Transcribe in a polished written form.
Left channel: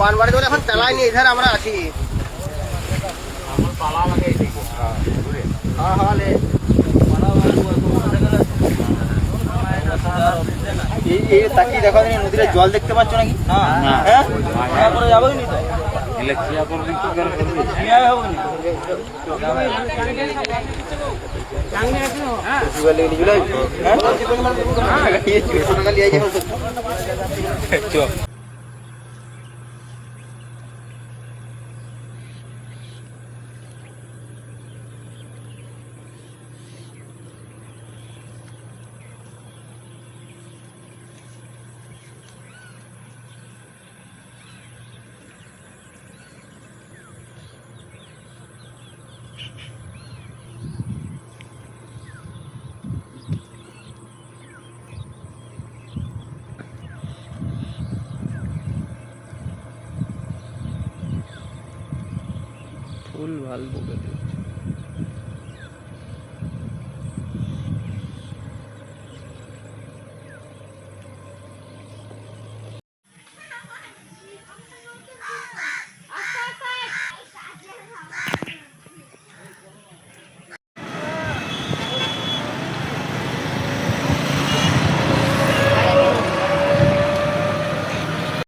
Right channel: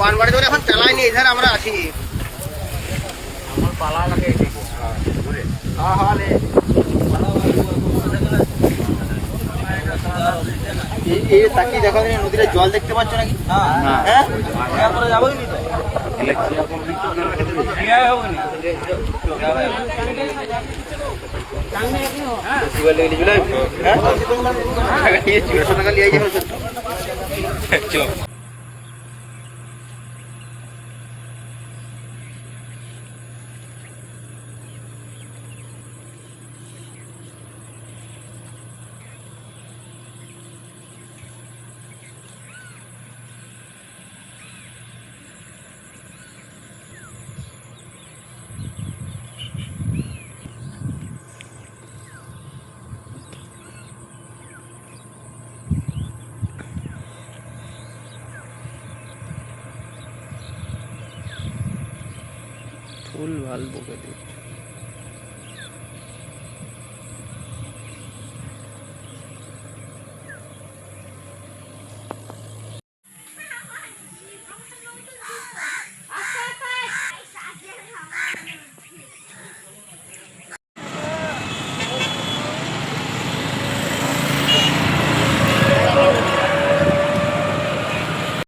বানবাড়ি ধরে এখন চালাইনি, এধারে আমরা আছি। তাকিয়ে দেখো নদীতে জল দেখতে পাচ্ছ নাকি? ফুল ভাল বকে দিচ্ছে।